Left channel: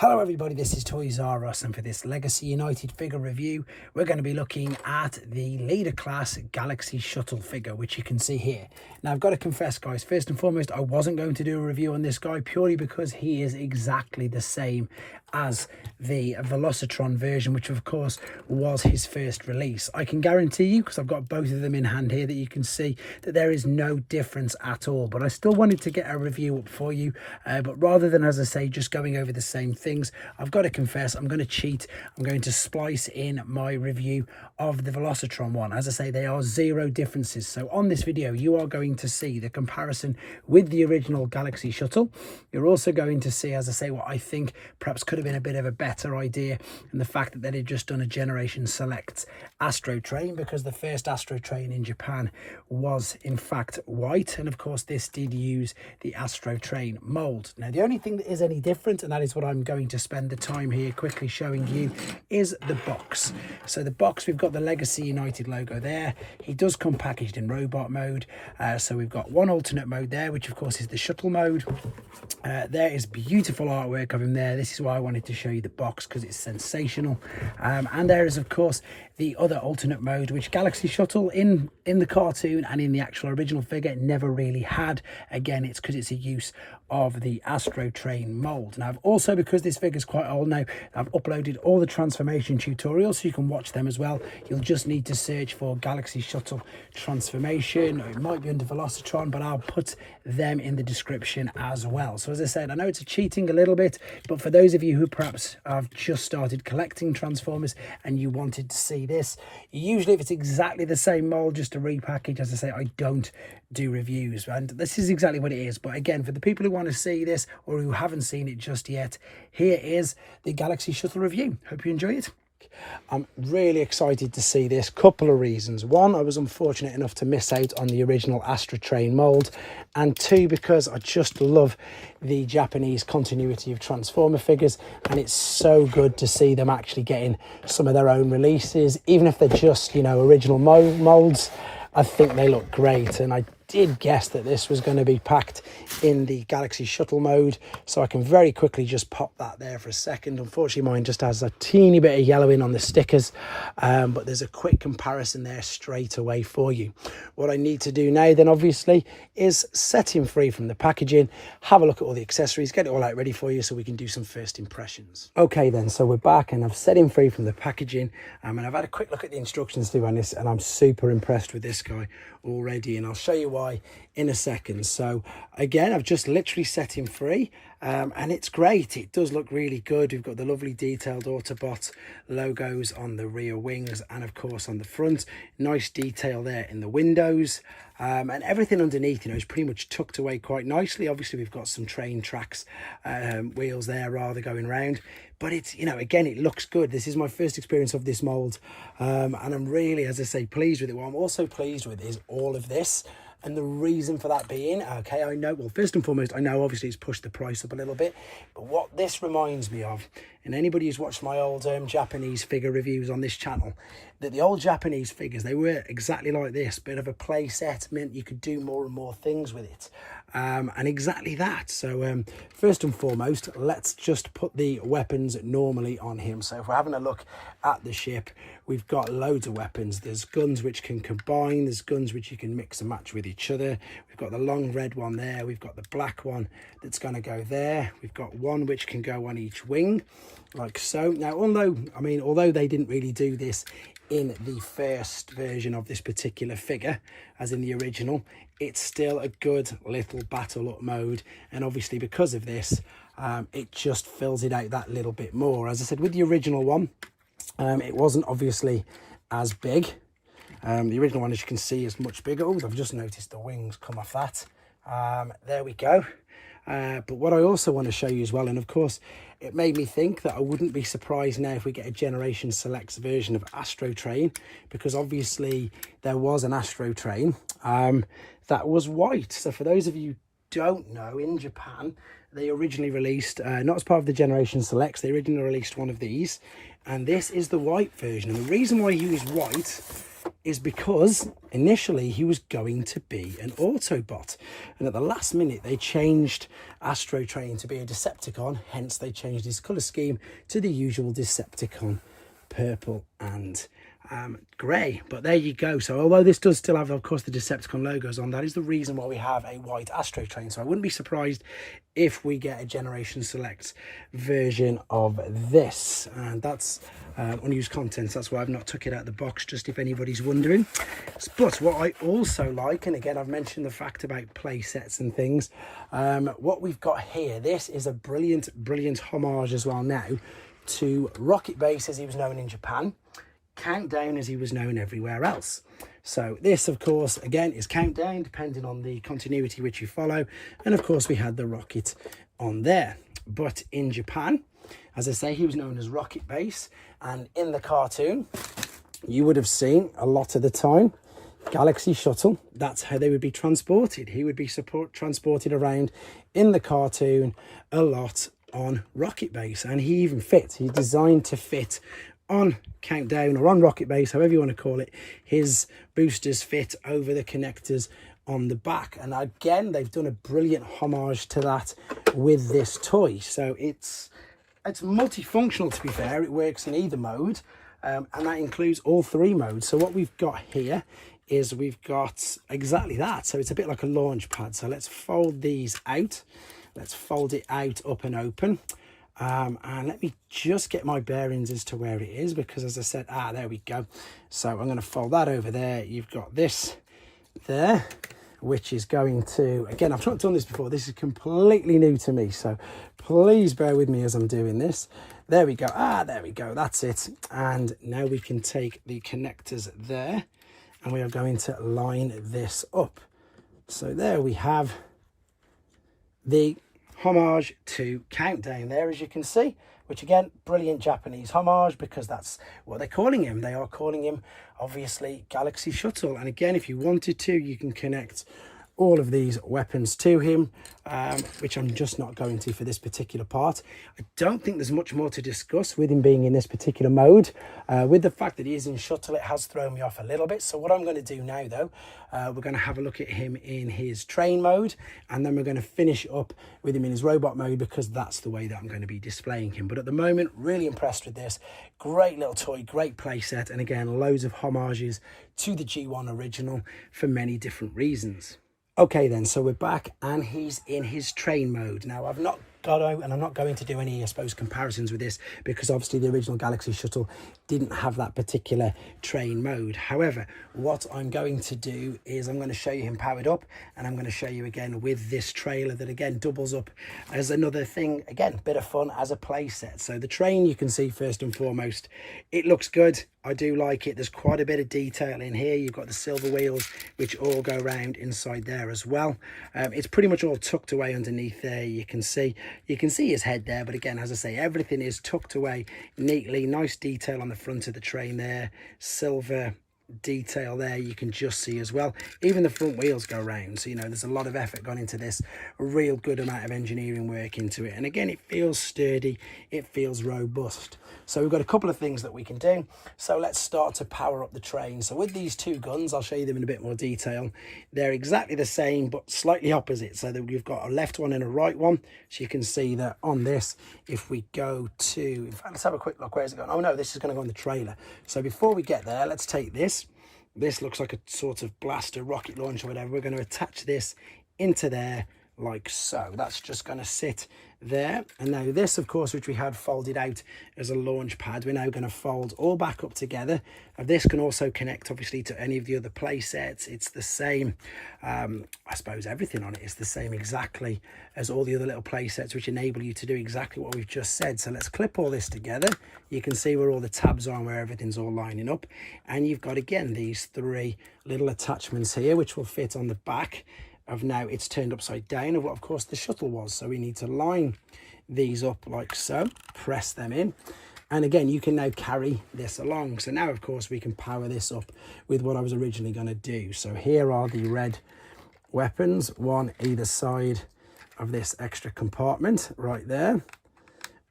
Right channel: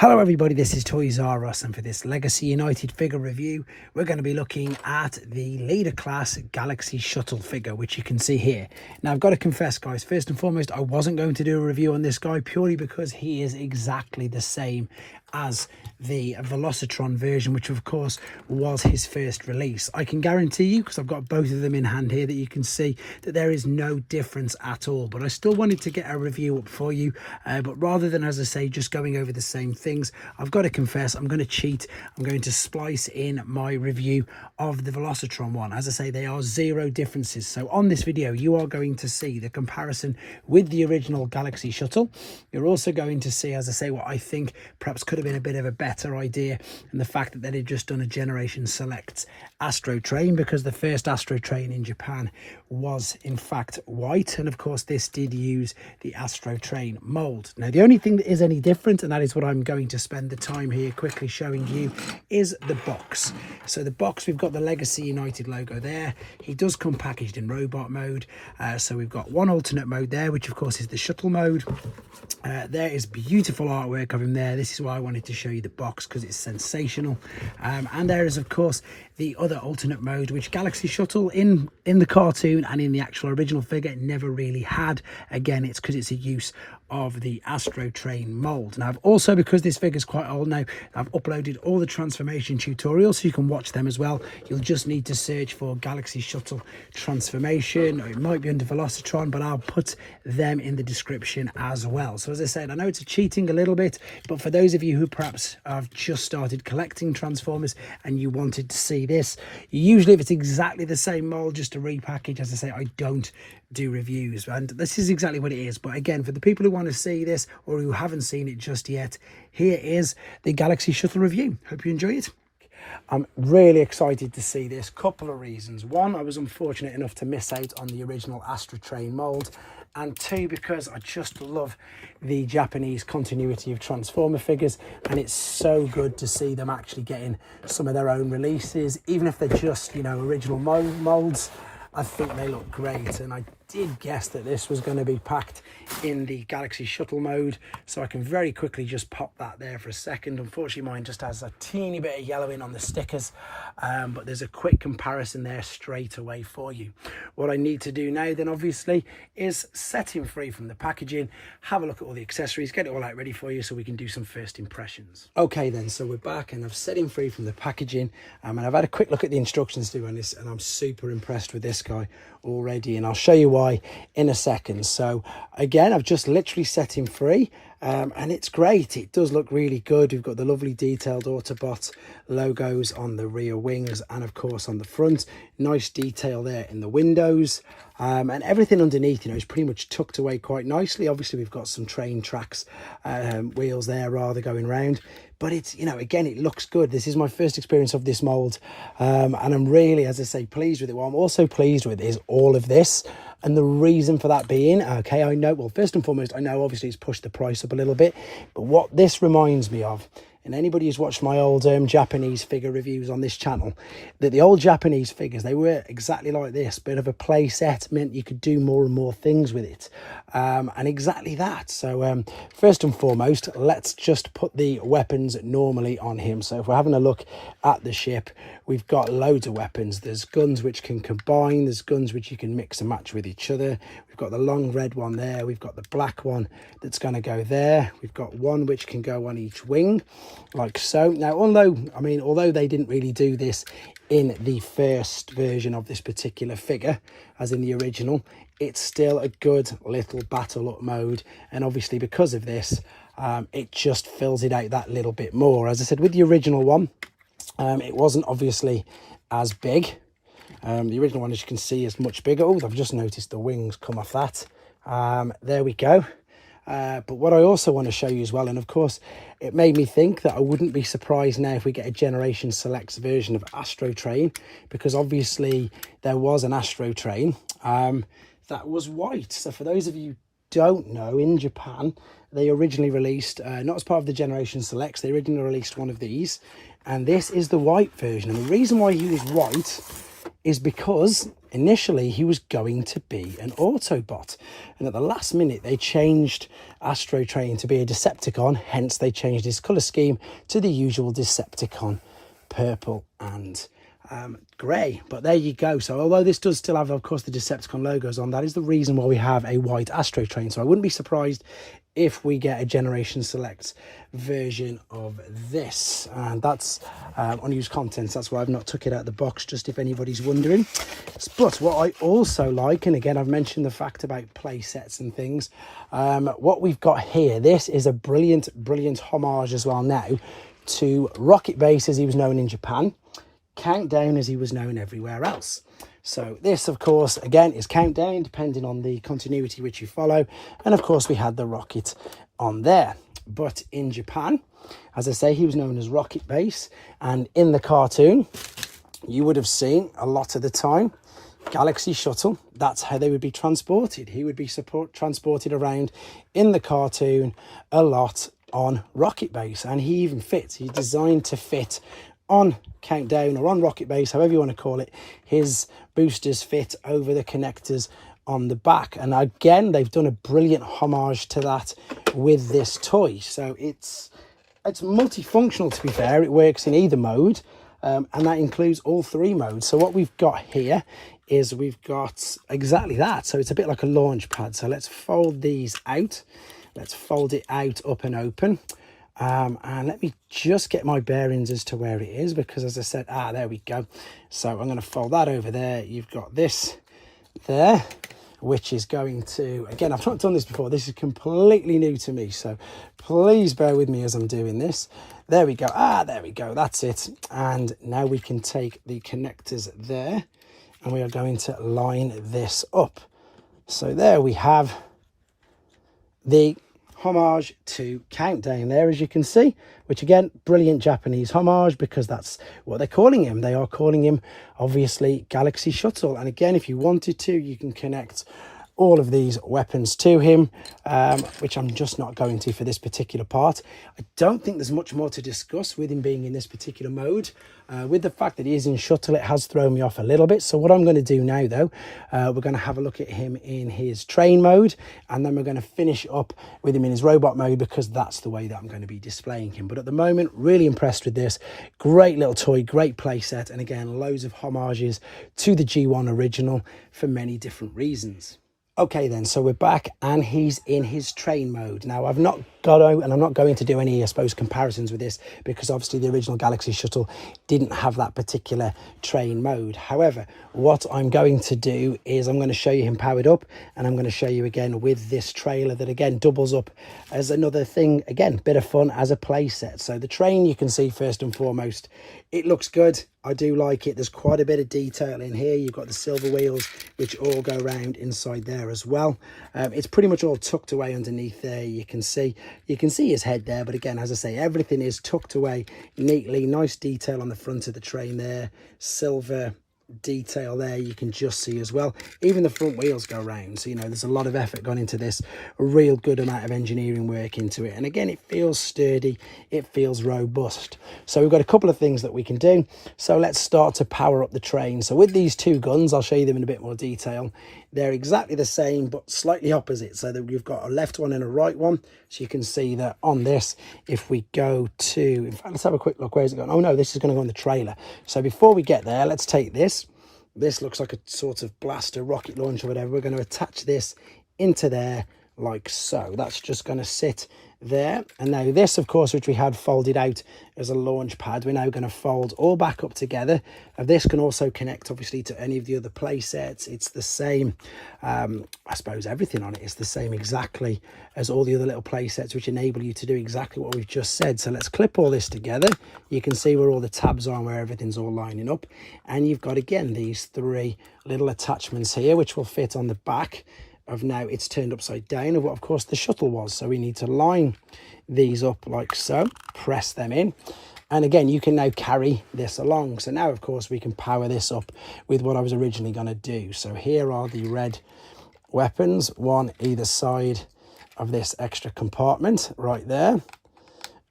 Hello everybody, this is Toys R Us, and for this Legacy United figure review we're going to be looking at the Leader Class Galaxy Shuttle figure, which you can see here. Now I've got to confess guys, first and foremost I wasn't going to do a review on this guy purely because he is exactly the same as the Velocitron version, which of course was his first release. I can guarantee you, because I've got both of them in hand here, that you can see that there is no difference at all. But I still wanted to get a review up for you, but rather than, as I say, just going over the same things, I've got to confess I'm going to cheat. I'm going to splice in my review of the Velocitron one. As I say, they are zero differences. So on this video you are going to see the comparison with the original Galaxy Shuttle. You're also going to see, as I say, what I think perhaps could have been a bit of a better idea, and the fact that they had just done a Generation Select Astro Train, because the first Astro Train in Japan was in fact white, and of course this did use the Astro Train mold. Now the only thing that is any different, and that is what I'm going to spend the time here quickly showing you, is the box. So the box, we've got the Legacy United logo there. He does come packaged in robot mode, so we've got one alternate mode there, which of course is the shuttle mode. There is beautiful artwork of him there. This is why I wanted to show you the box, because it's sensational. And there is of course the other alternate mode, which Galaxy Shuttle in the cartoon and in the actual original figure never really had. Again, it's because it's a use of the Astro Train mold. Now I've also, because this figure is quite old now, I've uploaded all the transformation tutorials so you can watch them as well. You'll just need to search for Galaxy Shuttle transformation, or it might be under Velocitron, but I'll put them in the description as well. So as I said, I know it's cheating a little bit, but for those of you who perhaps have just started collecting Transformers and you wanted to see this, usually if it's exactly the same mold, just a repackage, as I say, I don't do reviews, and this is exactly what it is. But again, for the people who want to see this or who haven't seen it just yet, here is the Galaxy Shuttle review. Hope you enjoy it. I'm really excited to see this. Couple of reasons. One, I was unfortunate enough to miss out on the original Astro Train mold, and two, because I just love the Japanese continuity of Transformer figures, and it's so good to see them actually getting some of their own releases, even if they're just, you know, original molds. I think they look great, and I did guess that this was going to be packed in the Galaxy Shuttle mode, so I can very quickly just pop that there for a second. Unfortunately mine just has a teeny bit of yellowing on the stickers, but there's a quick comparison there straight away for you. What I need to do now then obviously is set him free from the packaging, have a look at all the accessories, get it all out ready for you so we can do some first impressions. Okay then, so we're back and I've set him free from the packaging, and I've had a quick look at the instructions through on this, and I'm super impressed with this guy already, and I'll show you why in a second. So again, I've just literally set him free, and it's great. It does look really good. We've got the lovely detailed Autobot logos on the rear wings and of course on the front. Nice detail there in the windows, and everything underneath, you know, is pretty much tucked away quite nicely. Obviously we've got some train tracks, wheels there rather, going around, but it's, you know, again, it looks good. This is my first experience of this mold, and I'm really, as I say, pleased with it. What I'm also pleased with is all of this, and the reason for that being, okay, I know, well, first and foremost, I know obviously it's pushed the price up a little bit, but what this reminds me of, and anybody who's watched my old Japanese figure reviews on this channel, that the old Japanese figures, they were exactly like this. Bit of a play set meant you could do more and more things with it, and exactly that. So first and foremost, let's just put the weapons normally on him. So if we're having a look at the ship, we've got loads of weapons. There's guns which can combine, there's guns which you can mix and match with each other. We've got the long red one there, we've got the black one that's going to go there, we've got one which can go on each wing like so. Now although they didn't really do this in the first version of this particular figure, as in the original, it's still a good little battle up mode, and obviously because of this, it just fills it out that little bit more. As I said, with the original one, it wasn't obviously as big. The original one, as you can see, is much bigger. Oh, I've just noticed the wings come off that. There we go. But what I also want to show you as well, and of course it made me think that I wouldn't be surprised now if we get a Generation Select version of Astro Train, because obviously there was an Astro Train that was white. So for those of you who don't know, in Japan they originally released, not as part of the Generation Selects, they originally released one of these, and this is the white version. And the reason why I use white is because initially he was going to be an Autobot, and at the last minute they changed Astrotrain to be a Decepticon, hence they changed his colour scheme to the usual Decepticon purple and grey. But there you go. So although this does still have, of course, the Decepticon logos on, that is the reason why we have a white Astrotrain. So I wouldn't be surprised if we get a Generation Select version of this, and that's unused contents. That's why I've not took it out of the box, just if anybody's wondering. But what I also like, and again I've mentioned the fact about play sets and things, what we've got here, this is a brilliant homage as well now to Rocket Base as he was known in Japan, Countdown as he was known everywhere else. So this, of course, again, is Countdown, depending on the continuity which you follow. And of course, we had the rocket on there. But in Japan, as I say, he was known as Rocket Base. And in the cartoon, you would have seen a lot of the time Galaxy Shuttle. That's how they would be transported. He would be transported around in the cartoon a lot on Rocket Base. And he even fits. He's designed to fit on Countdown or on Rocket Base, however you want to call it. His boosters fit over the connectors on the back, and again they've done a brilliant homage to that with this toy. So it's multifunctional, to be fair. It works in either mode, and that includes all three modes. So what we've got here is we've got exactly that. So it's a bit like a launch pad. So let's fold these out. Let's fold it out, up and open. And let me just get my bearings as to where it is, because as I said, there we go. So I'm going to fold that over there. You've got this there, which is going to, again, I've not done this before. This is completely new to me, so please bear with me as I'm doing this. There we go. There we go. That's it. And now we can take the connectors there, and we are going to line this up. So there we have the homage to Countdown there, as you can see, which again, brilliant Japanese homage, because that's what they're calling him. They are calling him, obviously, Galaxy Shuttle. And again, if you wanted to, you can connect all of these weapons to him, which I'm just not going to for this particular part. I don't think there's much more to discuss with him being in this particular mode. With the fact that he is in Shuttle, it has thrown me off a little bit. So what I'm going to do now, though, we're going to have a look at him in his train mode, and then we're going to finish up with him in his robot mode, because that's the way that I'm going to be displaying him. But at the moment, really impressed with this. Great little toy, great play set, and again, loads of homages to the G1 original for many different reasons. Okay then, so we're back and he's in his train mode. Now I've not got to, and I'm not going to do any, I suppose, comparisons with this, because obviously the original Galaxy Shuttle didn't have that particular train mode. However, what I'm going to do is I'm going to show you him powered up, and I'm going to show you again with this trailer that again doubles up as another thing, again, bit of fun as a play set. So the train, you can see first and foremost, it looks good. I do like it. There's quite a bit of detail in here. You've got the silver wheels, which all go around inside there as well. It's pretty much all tucked away underneath there. You can see his head there, but again, as I say, everything is tucked away neatly. Nice detail on the front of the train there. Silver detail there, you can just see as well. Even the front wheels go round, so you know there's a lot of effort gone into this, a real good amount of engineering work into it, and again, it feels sturdy, it feels robust. So we've got a couple of things that we can do. So let's start to power up the train. So with these two guns, I'll show you them in a bit more detail. They're exactly the same but slightly opposite, so that we've got a left one and a right one. So you can see that on this, if we go to, in fact, let's have a quick look. Where is it going? Oh no, this is going to go on the trailer. So before we get there, let's take this. This looks like a sort of blaster, rocket launcher, whatever. We're going to attach this into there like so. That's just going to sit there. And now this, of course, which we had folded out as a launch pad, we're now going to fold all back up together. And this can also connect, obviously, to any of the other play sets. It's the same, I suppose everything on it is the same exactly as all the other little play sets, which enable you to do exactly what we've just said. So let's clip all this together. You can see where all the tabs are and where everything's all lining up. And you've got, again, these three little attachments here, which will fit on the back of, now it's turned upside down, of what, of course, the shuttle was. So we need to line these up like so, press them in. And again, you can now carry this along. So now, of course, we can power this up with what I was originally going to do. So here are the red weapons, one either side of this extra compartment right there.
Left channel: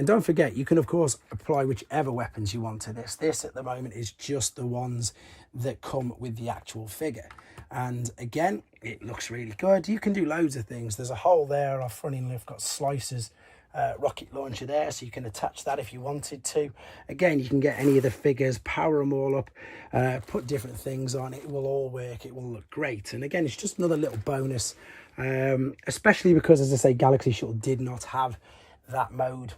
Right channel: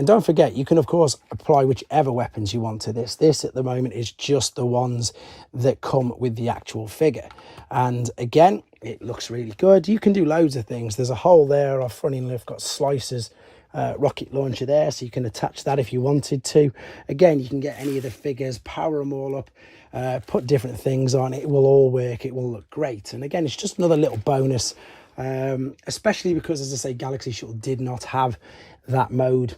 And don't forget, you can of course apply whichever weapons you want to this. This at the moment is just the ones that come with the actual figure. And again, it looks really good. You can do loads of things. There's a hole there. I've funny enough got slicers, rocket launcher there, so you can attach that if you wanted to. Again, you can get any of the figures, power them all up, put different things on. It will all work. It will look great. And again, it's just another little bonus, especially because, as I say, Galaxy Shuttle did not have that mode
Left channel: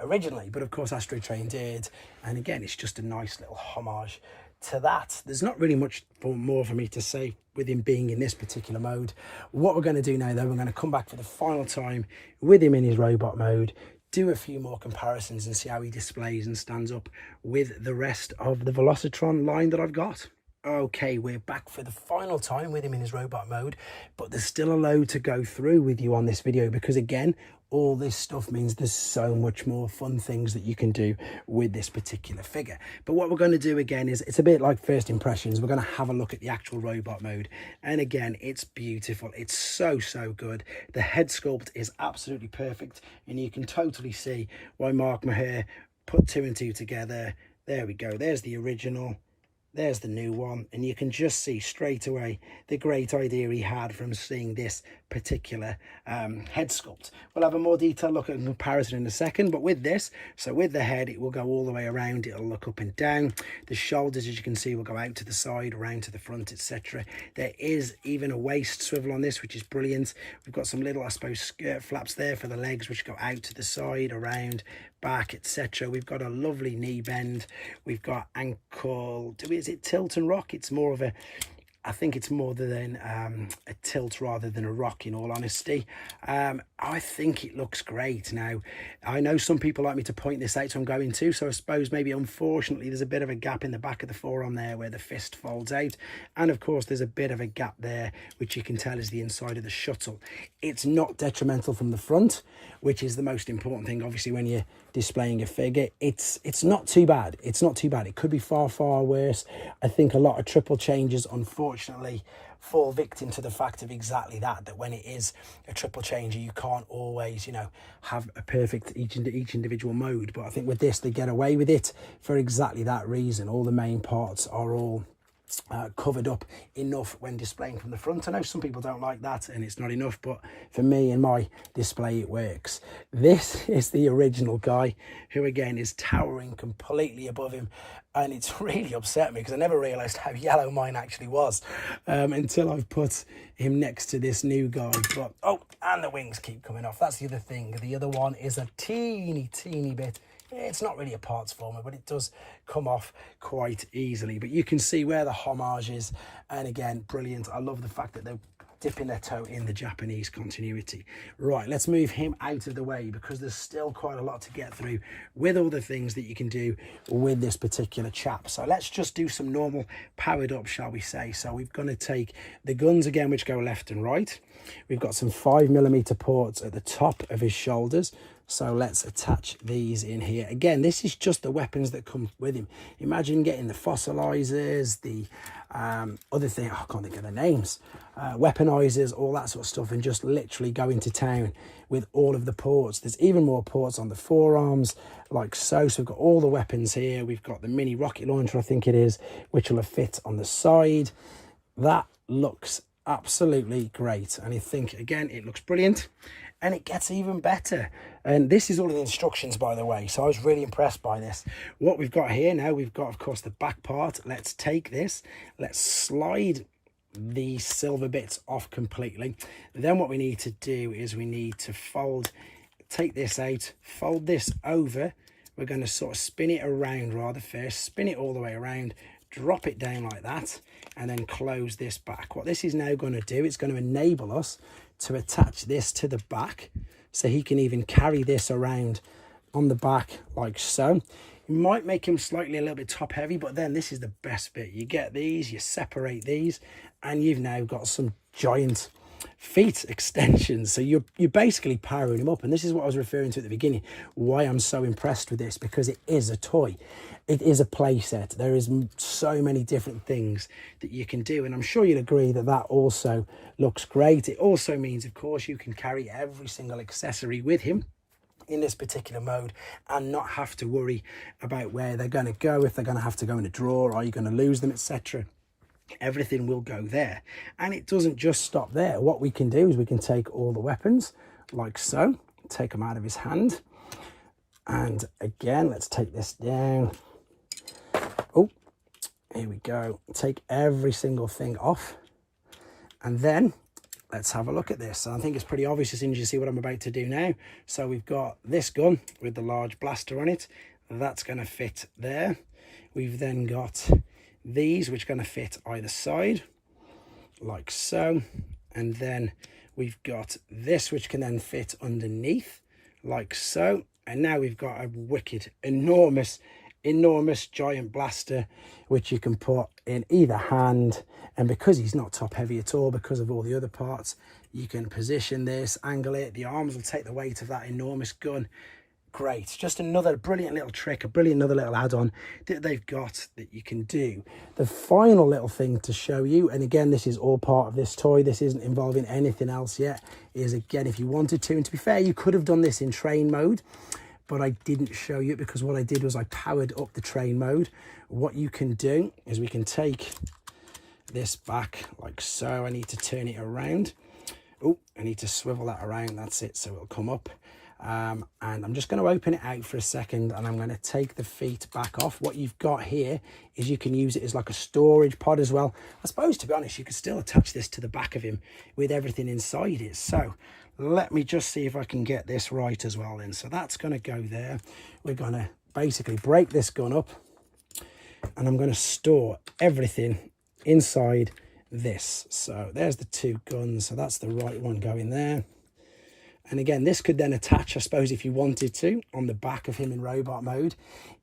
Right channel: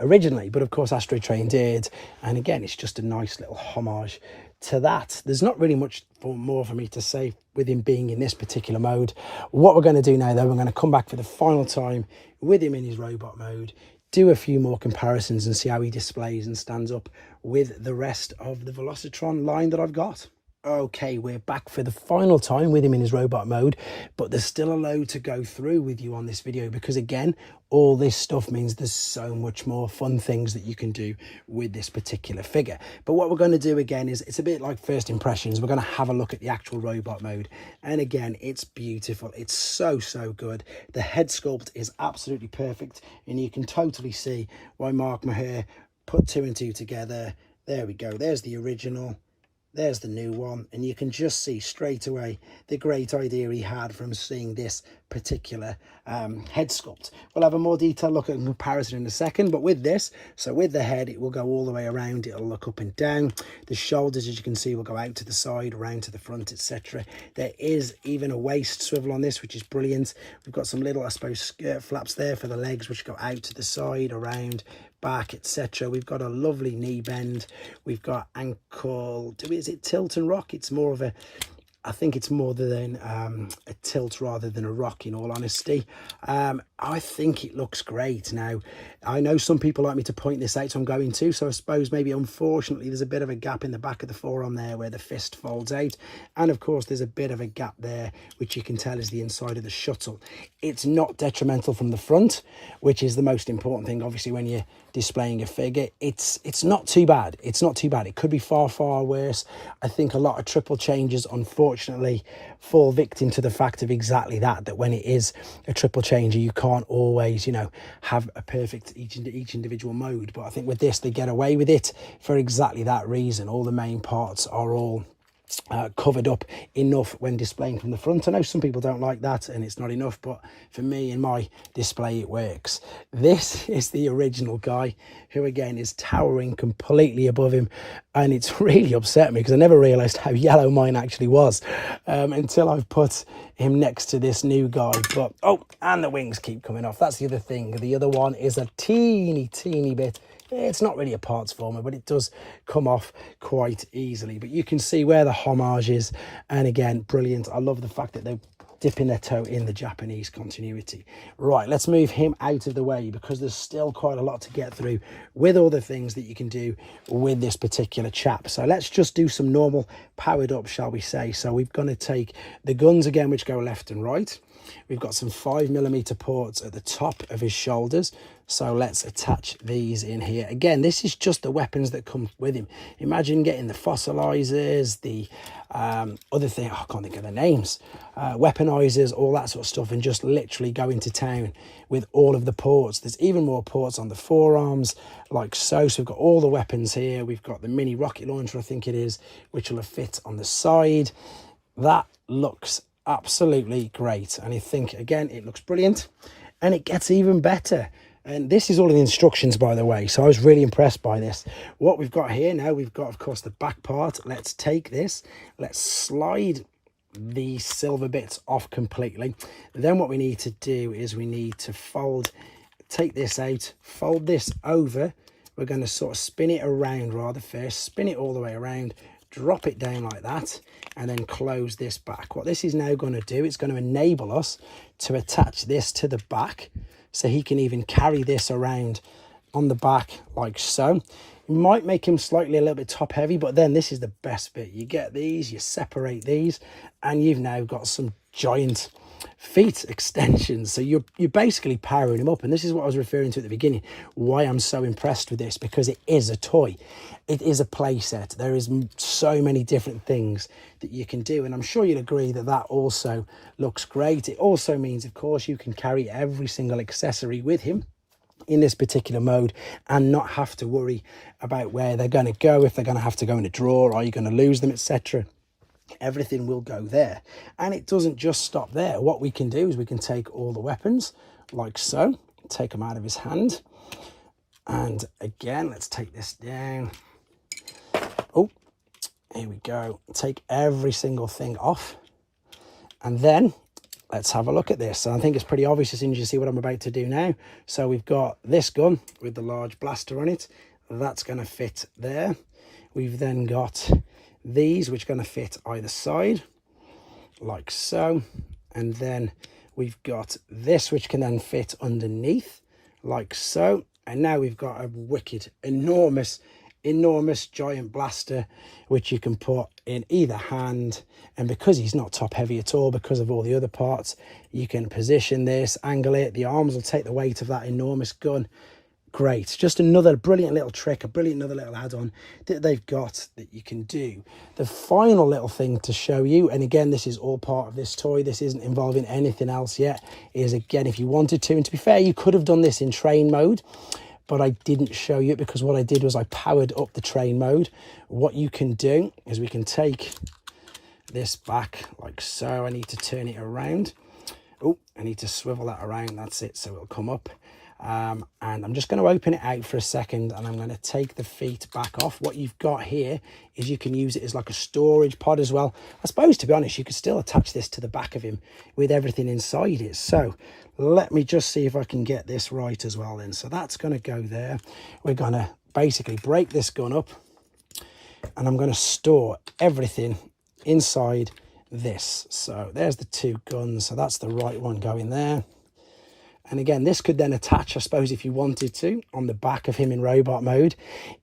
originally, but of course Astrotrain did. And again, it's just a nice little homage to that. There's not really much more for me to say with him being in this particular mode. What we're going to do now, though, we're going to come back for the final time with him in his robot mode, do a few more comparisons and see how he displays and stands up with the rest of the Velocitron line that I've got. Okay, we're back for the final time with him in his robot mode, but there's still a load to go through with you on this video, because again, all this stuff means there's so much more fun things that you can do with this particular figure. But what we're going to do again is, it's a bit like first impressions. We're going to have a look at the actual robot mode, and again, it's beautiful. It's so good. The head sculpt is absolutely perfect, and you can totally see why Mark Maher put 2 and 2 together. There we go. There's the original. There's the new one, and you can just see straight away the great idea he had from seeing this particular head sculpt. We'll have a more detailed look at the comparison in a second, but with this, so with the head, it will go all the way around. It'll look up and down. The shoulders, as you can see, will go out to the side, around to the front, etc. There is even a waist swivel on this, which is brilliant. We've got some little, I suppose, skirt flaps there for the legs, which go out to the side, around, back, etc. We've got a lovely knee bend. We've got ankle, is it tilt and rock? It's more of a, I think it's more than a tilt rather than a rock, in all honesty. I think it looks great. Now, I know some people like me to point this out, so I'm going to. So I suppose maybe, unfortunately, there's a bit of a gap in the back of the forearm there where the fist folds out. And of course, there's a bit of a gap there, which you can tell is the inside of the shuttle. It's not detrimental from the front, which is the most important thing, obviously, when you're displaying a figure. It's not too bad. It's not too bad. It could be far worse. I think a lot of triple changes, unfortunately, fall victim to the fact of exactly that when it is a triple changer, you can't always, you know, have a perfect each individual mode. But I think with this, they get away with it for exactly that reason. All the main parts are all covered up enough when displaying from the front. I know some people don't like that and it's not enough, but for me, in my display, it works. This is the original guy, who again is towering completely above him, and it's really upset me because I never realized how yellow mine actually was until I've put him next to this new guy. But oh, and the wings keep coming off. That's the other thing. The other one is a teeny bit, it's not really a parts former, but it does come off quite easily. But you can see where the homage is, and again, brilliant. I love the fact that they're dipping their toe in the Japanese continuity. Right, let's move him out of the way, because there's still quite a lot to get through with all the things that you can do with this particular chap. So let's just do some normal powered up, shall we say. So we're going to take the guns again, which go left and right. We've got some 5mm ports at the top of his shoulders. So let's attach these in here. Again, this is just the weapons that come with him. Imagine getting the fossilizers, the other thing, I can't think of the names, weaponizers, all that sort of stuff, and just literally going to town with all of the ports. There's even more ports on the forearms, like so. So we've got all the weapons here. We've got the mini rocket launcher, I think it is, which will fit on the side. That looks absolutely great, and I think again it looks brilliant, and it gets even better. And this is all in the instructions, by the way, so I was really impressed by this. What we've got here now, we've got of course the back part. Let's take this, let's slide the silver bits off completely. Then what we need to do is we need to take this out, fold this over. We're going to sort of spin it around rather first, spin it all the way around, drop it down like that, and then close this back. What this is now going to do, it's going to enable us to attach this to the back, so he can even carry this around on the back like so. You might make him slightly a little bit top heavy, but then this is the best bit. You get these, you separate these, and you've now got some giant feet extensions. So you're basically powering him up. And this is what I was referring to at the beginning, why I'm so impressed with this, because it is a toy. It is a play set. There is so many different things that you can do, and I'm sure you'll agree that that also looks great. It also means, of course, you can carry every single accessory with him. in this particular mode and not have to worry about where they're going to go, if they're going to have to go in a drawer, are you going to lose them, etc. Everything will go there. And it doesn't just stop there. What we can do is we can take all the weapons like so, take them out of his hand, and again, let's take this down. Oh, here we go. Take every single thing off, and then let's have a look at this. And I think it's pretty obvious as soon as you see what I'm about to do now. So we've got this gun with the large blaster on it. That's going to fit there. We've then got these, which are going to fit either side, like so. And then we've got this, which can then fit underneath, like so. And now we've got a wicked, enormous giant blaster, which you can put in either hand. And because he's not top heavy at all, because of all the other parts, you can position this, angle it, the arms will take the weight of that enormous gun. Great. Just another brilliant little trick, another little add-on that they've got that you can do. The final little thing to show you, and again, this is all part of this toy, this isn't involving anything else yet, is again, if you wanted to, and to be fair, you could have done this in train mode, but I didn't show you it because what I did was I powered up the train mode. What you can do is we can take this back like so. I need to turn it around. Oh, I need to swivel that around. That's it. So it'll come up. And I'm just going to open it out for a second, and I'm going to take the feet back off. What you've got here is you can use it as like a storage pod as well. I suppose, to be honest, you could still attach this to the back of him with everything inside it. So let me just see if I can get this right as well then. So that's going to go there. We're going to basically break this gun up, and I'm going to store everything inside this. So there's the two guns. So that's the right one going there. And again, this could then attach, I suppose, if you wanted to, on the back of him in robot mode.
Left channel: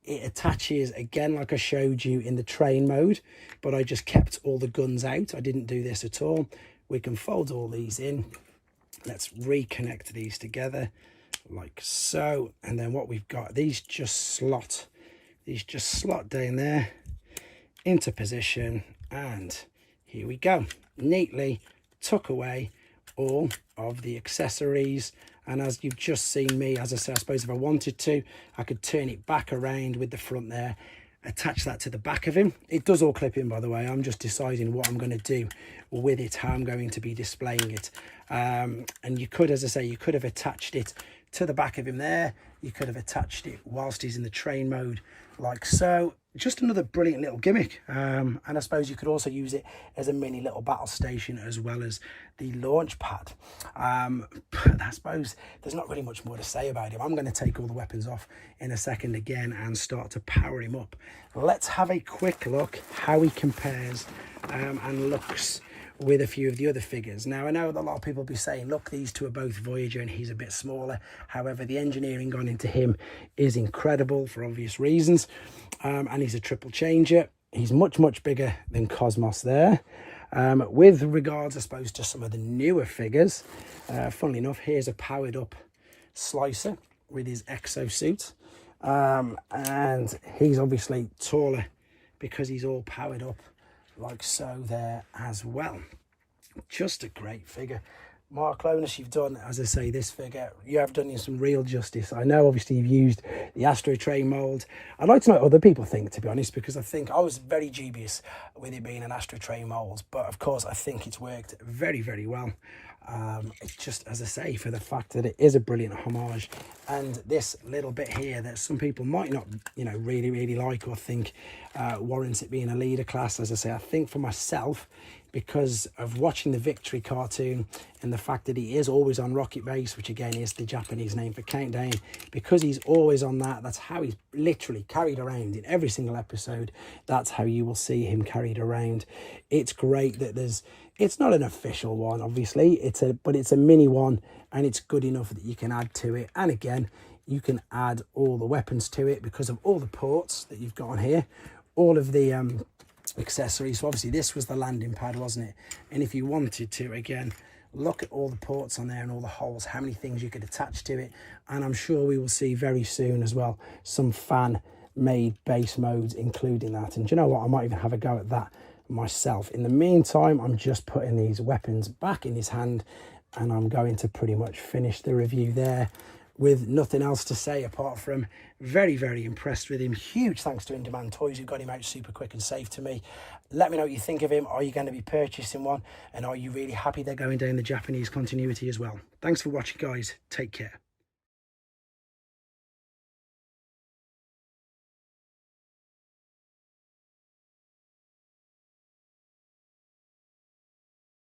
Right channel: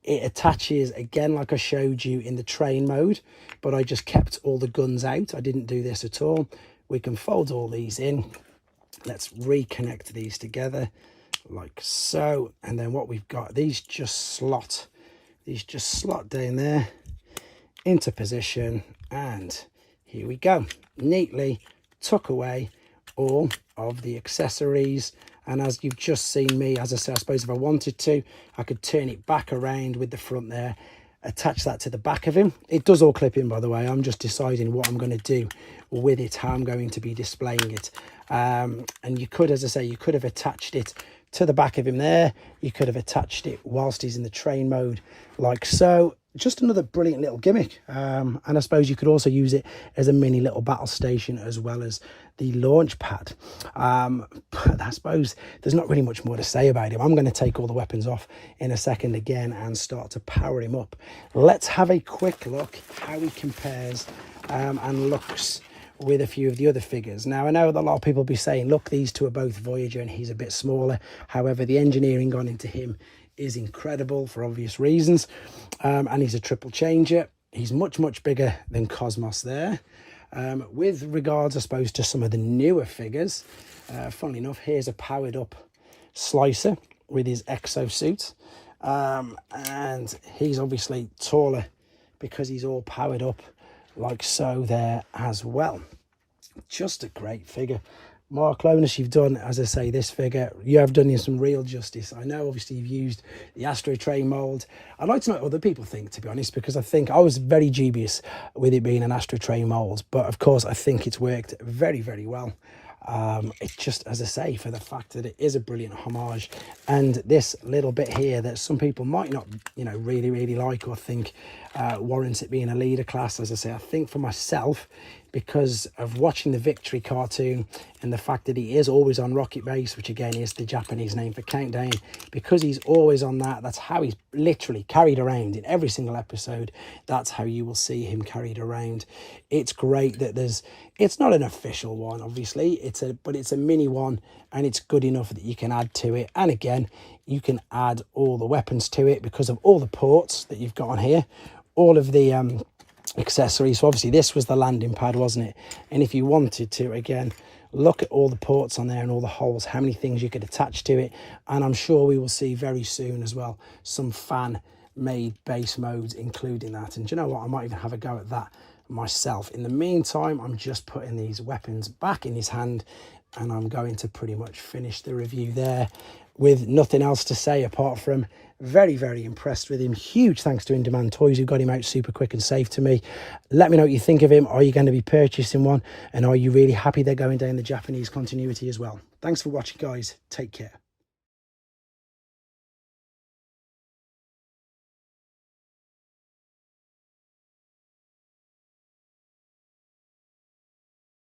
It attaches, again, like I showed you in the train mode, but I just kept all the guns out. I didn't do this at all. We can fold all these in. Let's reconnect these together like so. And then what we've got, these just slot down there into position. And here we go. Neatly tuck away all of the accessories. And as you've just seen me, as I say, I suppose if I wanted to, I could turn it back around with the front there, attach that to the back of him. It does all clip in, by the way. I'm just deciding what I'm going to do with it, how I'm going to be displaying it. And you could, as I say, you could have attached it to the back of him there. You could have attached it whilst he's in the train mode like so. Just another brilliant little gimmick. And I suppose you could also use it as a mini little battle station as well as the launch pad. But I suppose there's not really much more to say about him. I'm going to take all the weapons off in a second again and start to power him up. Let's have a quick look how he compares and looks with a few of the other figures. Now, I know that a lot of people will be saying, look, these two are both Voyager and he's a bit smaller. However, the engineering gone into him is incredible for obvious reasons. And he's a triple changer. He's much, much bigger than Cosmos there. With regards, I suppose, to some of the newer figures, funnily enough, here's a powered up Slicer with his exosuit. And he's obviously taller because he's all powered up like so there as well. Just a great figure. Mark Lowness, you've done, as I say, this figure, you have done him some real justice. I know obviously you've used the Astro Train mold. I'd like to know what other people think, to be honest, because I think I was very dubious with it being an Astro Train mold, but of course I think it's worked very, very well. It's just, as I say, for the fact that it is a brilliant homage, and this little bit here that some people might not, you know, really like or think warrants it being a leader class. As I say, I think for myself, because of watching the Victory cartoon and the fact that he is always on Rocket Base, which again is the Japanese name for Countdown, because he's always on that, that's how he's literally carried around in every single episode. That's how you will see him carried around. It's great that it's not an official one, obviously, but it's a mini one, and it's good enough that you can add to it. And again, you can add all the weapons to it because of all the ports that you've got on here, all of the accessories. So obviously this was the landing pad, wasn't it? And if you wanted to, again, look at all the ports on there and all the holes, how many things you could attach to it. And I'm sure we will see very soon as well some fan made base modes including that. And do you know what, I might even have a go at that myself. In the meantime, I'm just putting these weapons back in his hand, and I'm going to pretty much finish the review there with nothing else to say apart from very, very impressed with him. Huge thanks to In Demand Toys who got him out super quick and safe to me. Let me know what you think of him. Are you going to be purchasing one? And are you really happy they're going down the Japanese continuity as well? Thanks for watching, guys. Take care.